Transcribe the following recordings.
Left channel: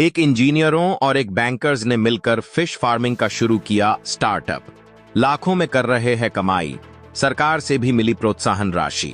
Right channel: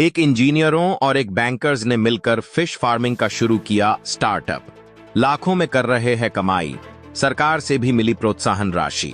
एक इंजीनियरों और एक बैंकर्स ने मिलकर फिश फार्मिंग का शुरू किया स्टार्टअप। लाखों में कर रहे हैं कमाई। सरकार से भी मिली प्रोत्साहन राशि।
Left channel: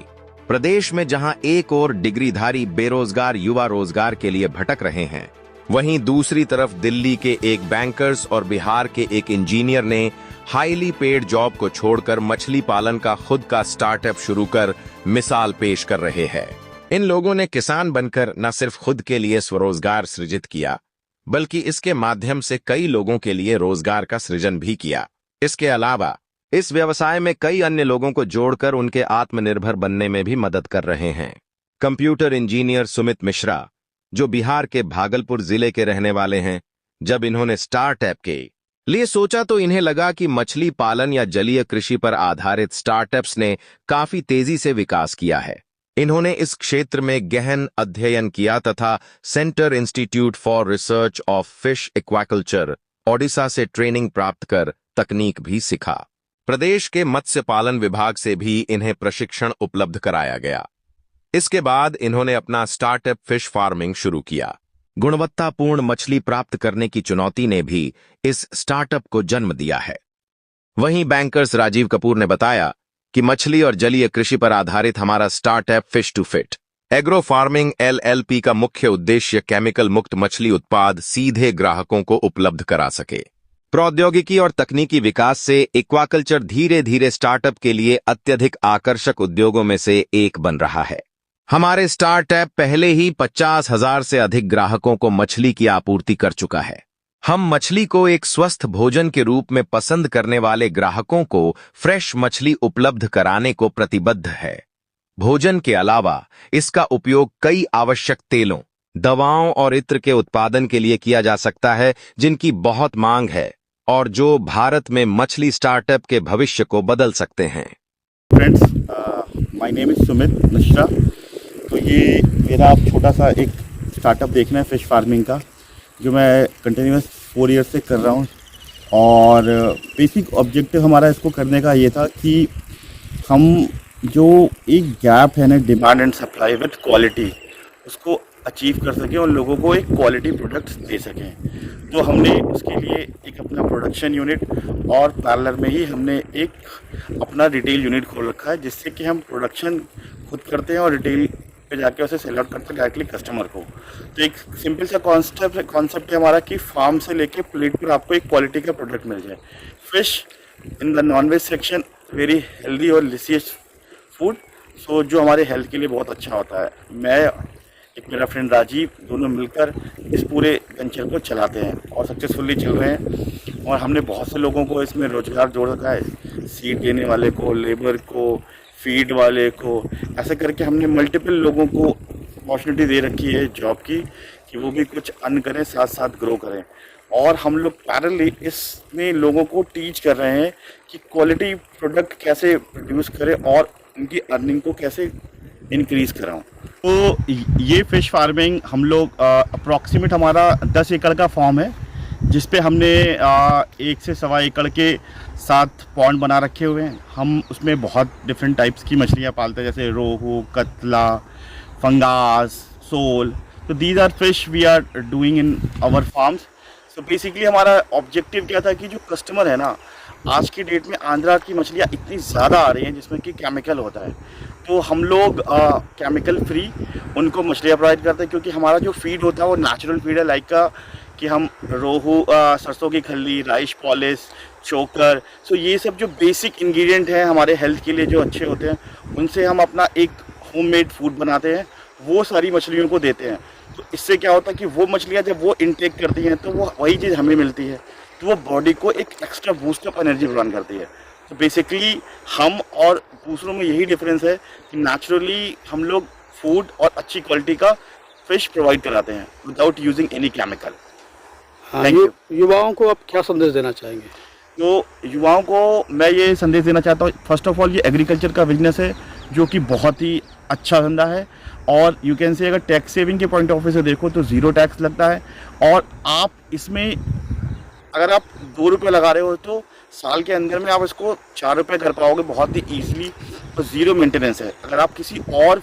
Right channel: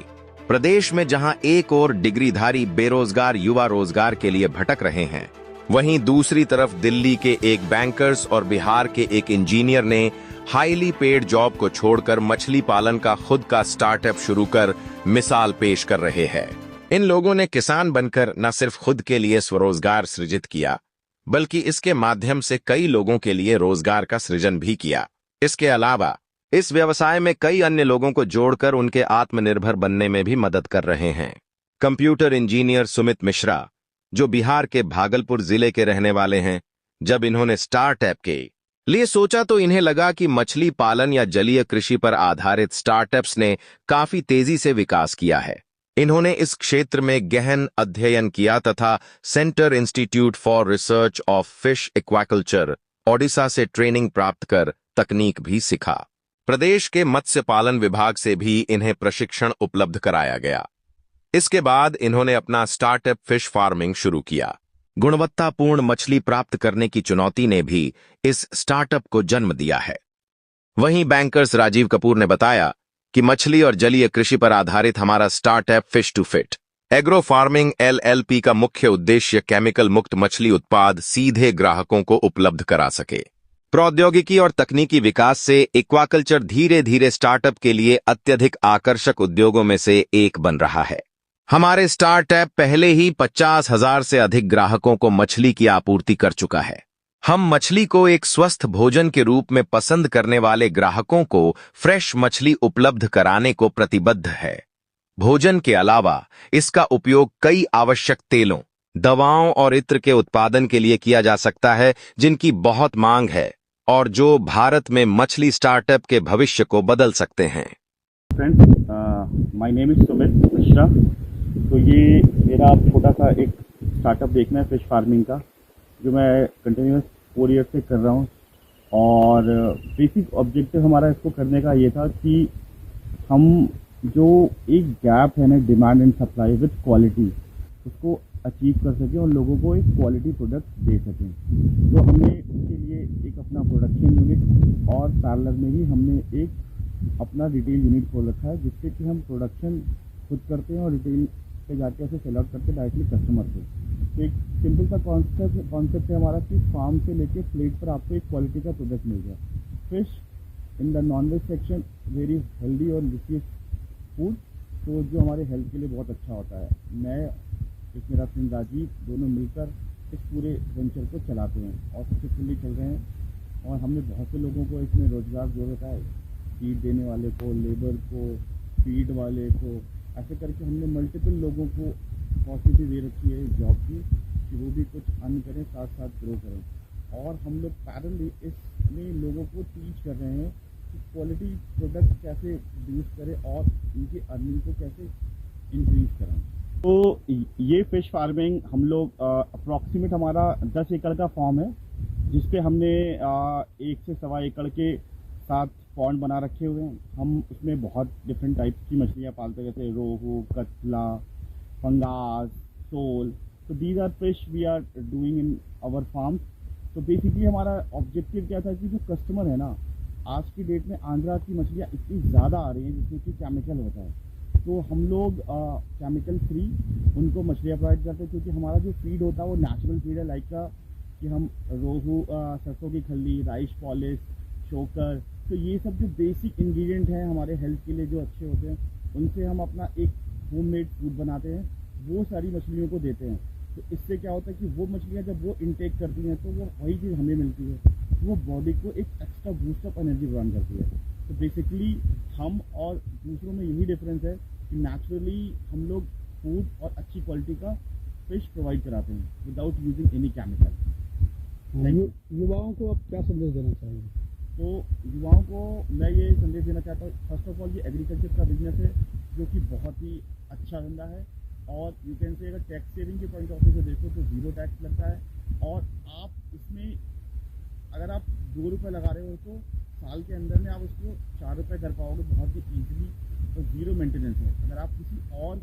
प्रदेश में जहां एक और डिग्रीधारी बेरोजगार युवा रोजगार के लिए भटक रहे हैं, वहीं दूसरी तरफ दिल्ली के एक बैंकर्स और बिहार के एक इंजीनियर ने हाईली पेड जॉब को छोड़कर मछली पालन का खुद का स्टार्टअप शुरू कर मिसाल पेश कर रहे हैं। इन लोगों ने किसान बनकर न सिर्फ खुद के लिए स्वरोजगार सृजित किया, बल्कि इसके माध्यम से कई लोगों के लिए रोजगार का सृजन भी किया। इसके अलावा इस व्यवसाय में कई अन्य लोगों को जोड़कर उनके आत्मनिर्भर बनने में भी मदद कर रहे हैं। कंप्यूटर इंजीनियर सुमित मिश्रा, जो बिहार के भागलपुर जिले के रहने वाले हैं, जब इन्होंने स्टार्टअप के लिए सोचा तो इन्हें लगा कि मछली पालन या जलीय कृषि पर आधारित स्टार्टअप्स ने काफी तेजी से विकास किया है। इन्होंने इस क्षेत्र में गहन अध्ययन किया तथा centre institute for research of fish aquaculture Odisha से ट्रेनिंग प्राप्त कर तकनीक भी सीखा। प्रदेश के मत्स्य पालन विभाग से भी इन्हें प्रशिक्षण उपलब्ध कराया गया। इसके बाद इन्होंने अपना स्टार्टअप फिश फार्मिंग शुरू किया। गुणवत्तापूर्ण मछली प्राप्त करने की चुनौती ने भी इस स्टार्टअप को जन्म दिया है। वहीं बैंकर्स राजीव कपूर ने बताया कि मछली और जलीय कृषि पर आधारित हमारा startup Fish to Fit Agro Farming LLP का मुख्य उद्देश्य केमिकल मुक्त मछली उत्पाद सीधे ग्राहकों को उपलब्ध करा सके। प्रौद्योगिकी और तकनीकी विकास से एक्वाकल्चर धीरे धीरे स्टार्टअप के लिए अत्यधिक आकर्षक उद्योगों में से एक बन रहा है। हमारे स्टार्टअप पहले ही 50,000 से अधिक ग्राहकों को मछली की आपूर्ति कर चुका है। हम मछली को एक स्वस्थ भोजन के रूप में पसंद करने वाले ग्राहकों को फ्रेश मछली उपलब्ध कराने को प्रतिबद्ध है। भोजन के अलावा इसका उपयोग कई आवश्यक तेलों, दवाओं और इत्र के उत्पादन के लिए किया जा सकता है, जिनकी बहुत मांग है और जो भारत में मछली स्टार्टअप के भविष्य को बदल सकते हैं। Friends, my name is Sumit Mishra. तो ये मेरा आप छोटा सा एक स्टार्टअप देखना है फिश फार्मिंग का, जो मैं कंटिन्यूस 4 ईयर्स से कर रहा हूँ। और बेसिक ऑब्जेक्टिव हमारा इसको करने का ये था कि हम जो एक गैप है ना demand and supply with quality, उसको अचीव कर सकें और लोगों को एक क्वालिटी प्रोडक्ट्स दे सकें। तो हमने उसके लिए एक अपना प्रोडक्शन यूनिट और पैरेलल में ही हमने एक अपना रिटेल यूनिट खोल रखा है, जिससे कि हम प्रोडक्शन खुद करते हैं और रिटेल पे जाके उसे सेल आउट करते हैं डायरेक्टली कस्टमर को। तो एक सिंपल सा कॉन्सेप्ट है हमारा कि फार्म से लेके प्लेट पर आपको एक क्वालिटी का प्रोडक्ट मिल जाए। Fish in the non-veg section very healthy और लिसियस फूड, सो जो हमारे हेल्थ के लिए बहुत अच्छा होता है। मैं एक मेरा फ्रेंड राजीव, दोनों मिलकर इस पूरे वेंचर को चलाते हैं और सक्सेसफुली चल रहे हैं। और हमने बहुत से लोगों को इसमें रोजगार जोड़ रखा है, सीड देने वाले को, लेबर को, फीड वाले को, ऐसे करके हमने मल्टीपल लोगों को अपॉर्चुनिटी दे रखी है जॉब की, कि वो भी कुछ अर्न करें, साथ साथ ग्रो करें। और हम लोग पैरेलली इसमें लोगों को टीच कर रहे हैं कि क्वालिटी प्रोडक्ट कैसे प्रोड्यूस करें और उनकी अर्निंग को कैसे इंक्रीज़ कराऊँ। तो ये फ़िश फार्मिंग हम लोग अप्रॉक्सीमेट हमारा 10 एकड़ का फॉर्म है, जिस पे हमने 1 से सवा एकड़ के 7 पॉन्ड बना रखे हुए हैं। हम उसमें बहुत डिफरेंट टाइप्स की मछलियाँ पालते हैं, जैसे रोहू, कतला, फंगास, सोल। तो these are fish we are doing in our farms. So basically हमारा ऑब्जेक्टिव क्या था कि जो कस्टमर है ना, आज की डेट में आंध्रा की मछलियाँ इतनी ज़्यादा आ रही हैं जिसमें कि केमिकल होता है, तो हम लोग केमिकल फ्री उनको मछलियाँ प्रोवाइड करते हैं, क्योंकि हमारा जो फीड होता है वो नेचुरल फीड है। लाइक का कि हम रोहू, सरसों की खल्ली, राइस पॉलिश, चोकर, सो ये सब जो बेसिक इंग्रेडिएंट हैं हमारे हेल्थ के लिए जो अच्छे होते हैं, उनसे हम अपना एक होममेड फूड बनाते हैं, वो सारी मछलियों को देते हैं। तो इससे क्या होता है कि वो मछलियाँ जब वो इनटेक करती हैं तो वो वही चीज़ हमें मिलती है, तो वो बॉडी को एक एक्स्ट्रा बूस्ट ऑफ एनर्जी प्रदान करती है। तो बेसिकली हम और दूसरों में यही डिफरेंस है कि नेचुरली हम लोग फूड और अच्छी क्वालिटी का फिश प्रोवाइड कराते हैं विदाउट यूजिंग एनी केमिकल। हाँ, युवाओं को आप क्या संदेश देना चाहेंगे? तो युवाओं को मैं ये संदेश देना चाहता हूँ, फर्स्ट ऑफ ऑल ये एग्रीकल्चर का बिजनेस है जो कि बहुत ही अच्छा धंधा है। और यू कैन से अगर टैक्स सेविंग के पॉइंट ऑफ व्यू से देखो तो 0 टैक्स लगता है। और आप इसमें अगर आप 2 रुपये लगा रहे हो तो साल के अंदर में आप इसको 4 रुपये कर पाओगे बहुत ही ईजिली, और 0 मेंटेनेंस है। अगर आप किसी और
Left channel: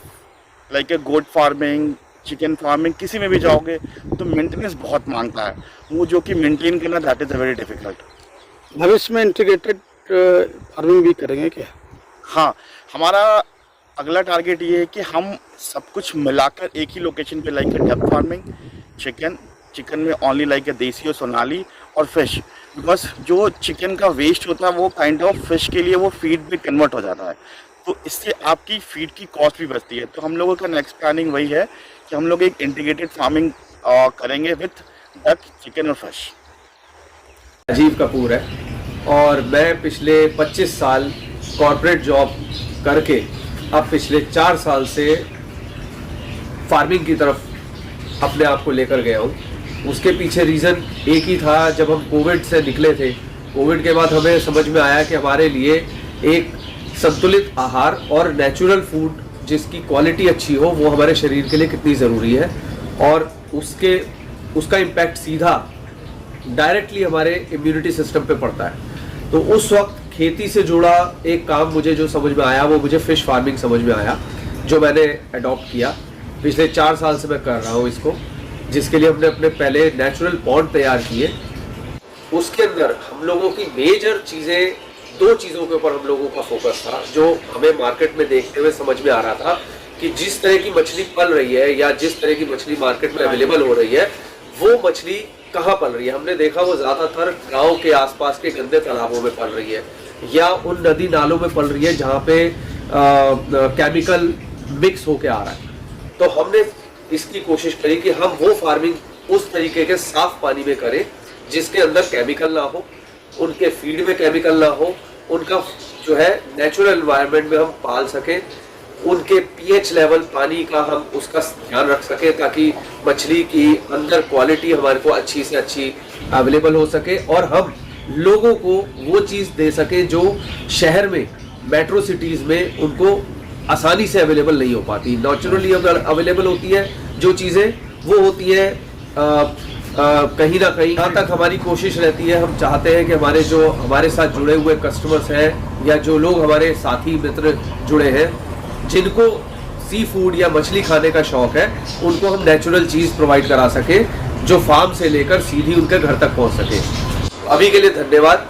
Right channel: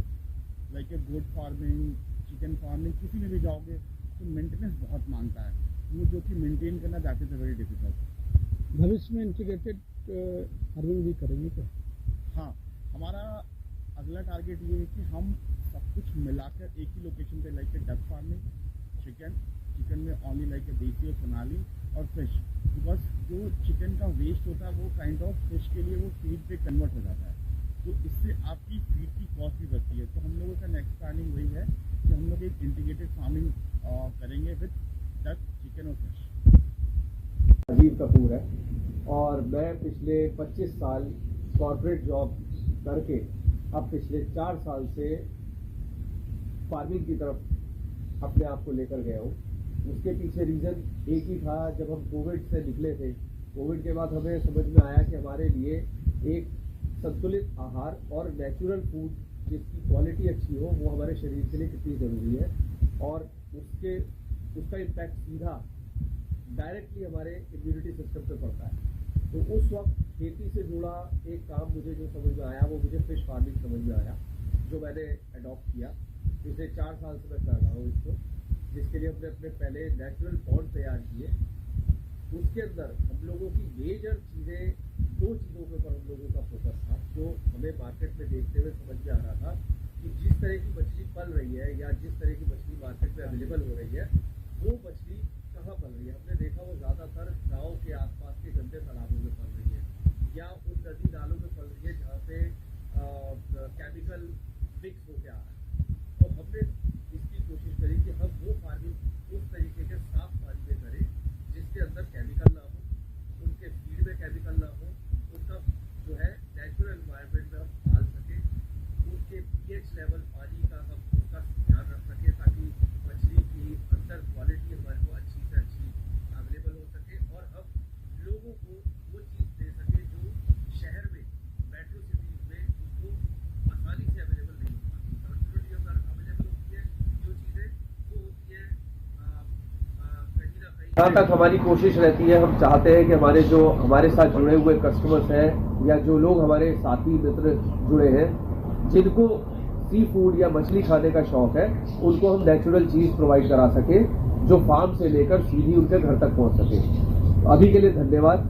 like a goat farming, chicken farming किसी में भी जाओगे तो मेंटेनेंस बहुत मांगता है, वो जो कि मेंटेन करना that is a very difficult. भविष्य में इंटीग्रेटेड फार्मिंग भी करेंगे क्या? हाँ, हमारा अगला टारगेट ये है कि हम सब कुछ मिलाकर एक ही लोकेशन पे लाइक डेप्थ फार्मिंग, चिकन में ओनली लाइक देसी और सोनाली और फिश, बिकॉज जो चिकन का वेस्ट होता है वो काइंड ऑफ फिश के लिए वो फीड में कन्वर्ट हो जाता है, तो इससे आपकी फीड की कॉस्ट भी बचती है। तो हम लोगों का नेक्स्ट प्लानिंग वही है कि हम लोग एक इंटीग्रेटेड फार्मिंग करेंगे विथ डक, चिकन और फिश। राजीव कपूर है और मैं पिछले 25 साल कॉर्पोरेट जॉब करके अब पिछले 4 साल से फार्मिंग की तरफ अपने आप को लेकर गया हूँ। उसके पीछे रीज़न एक ही था, जब हम कोविड से निकले थे, कोविड के बाद हमें समझ में आया कि हमारे लिए एक संतुलित आहार और नेचुरल फूड जिसकी क्वालिटी अच्छी हो वो हमारे शरीर के लिए कितनी ज़रूरी है, और उसका इम्पैक्ट सीधा डायरेक्टली हमारे इम्यूनिटी सिस्टम पे पड़ता है। तो उस वक्त खेती से जुड़ा एक काम मुझे जो समझ में आया वो मुझे फ़िश फार्मिंग समझ में आया, जो मैंने अडॉप्ट किया। पिछले 4 साल से मैं कर रहा हूँ इसको, जिसके लिए हमने अपने पहले नेचुरल पॉन्ड तैयार किए। उसके अंदर हम लोगों की मेजर चीज़ें, 2 चीज़ों के ऊपर हम लोगों का फोकस था, जो हमें मार्केट में देखते हुए समझ में आ रहा था कि जिस तरह की मछली पल रही है या जिस तरह की मछली मार्केट में अवेलेबल हो रही है वो मछली कहाँ पल रही है। हमने देखा वो ज़्यादातर गांव के आसपास के गंदे तालाबों में पल रही है या उन नदी नालों में पल रही है जहाँ पे केमिकल मिक्स होके आ रहा है। तो हमने इसकी कोशिश करी कि हम वो फार्मिंग उस तरीके के साफ पानी में करें जिसके अंदर केमिकल ना हो, उनके फीड में केमिकल ना हो, उनका जो है नेचुरल एनवायरनमेंट में हम पाल सकें, उनके पीएच लेवल पानी का हम उसका ध्यान रख सकें ताकि मछली की अंदर क्वालिटी हमारे को अच्छी से अच्छी अवेलेबल हो सके और हम लोगों को वो चीज़ दे सके जो शहर में, मेट्रो सिटीज़ में उनको आसानी से अवेलेबल नहीं हो पाती। नेचुरली अगर अवेलेबल होती है जो चीज़ें, वो होती है कहीं ना कहीं। यहाँ तक हमारी कोशिश रहती है, हम चाहते हैं कि हमारे साथ जुड़े हुए कस्टमर्स हैं या जो लोग हमारे साथी मित्र जुड़े हैं जिनको सी फूड या मछली खाने का शौक है, उनको हम नेचुरल चीज़ प्रोवाइड करा सके जो फार्म से लेकर सीधी उनके घर तक पहुँच सके। अभी के लिए धन्यवाद।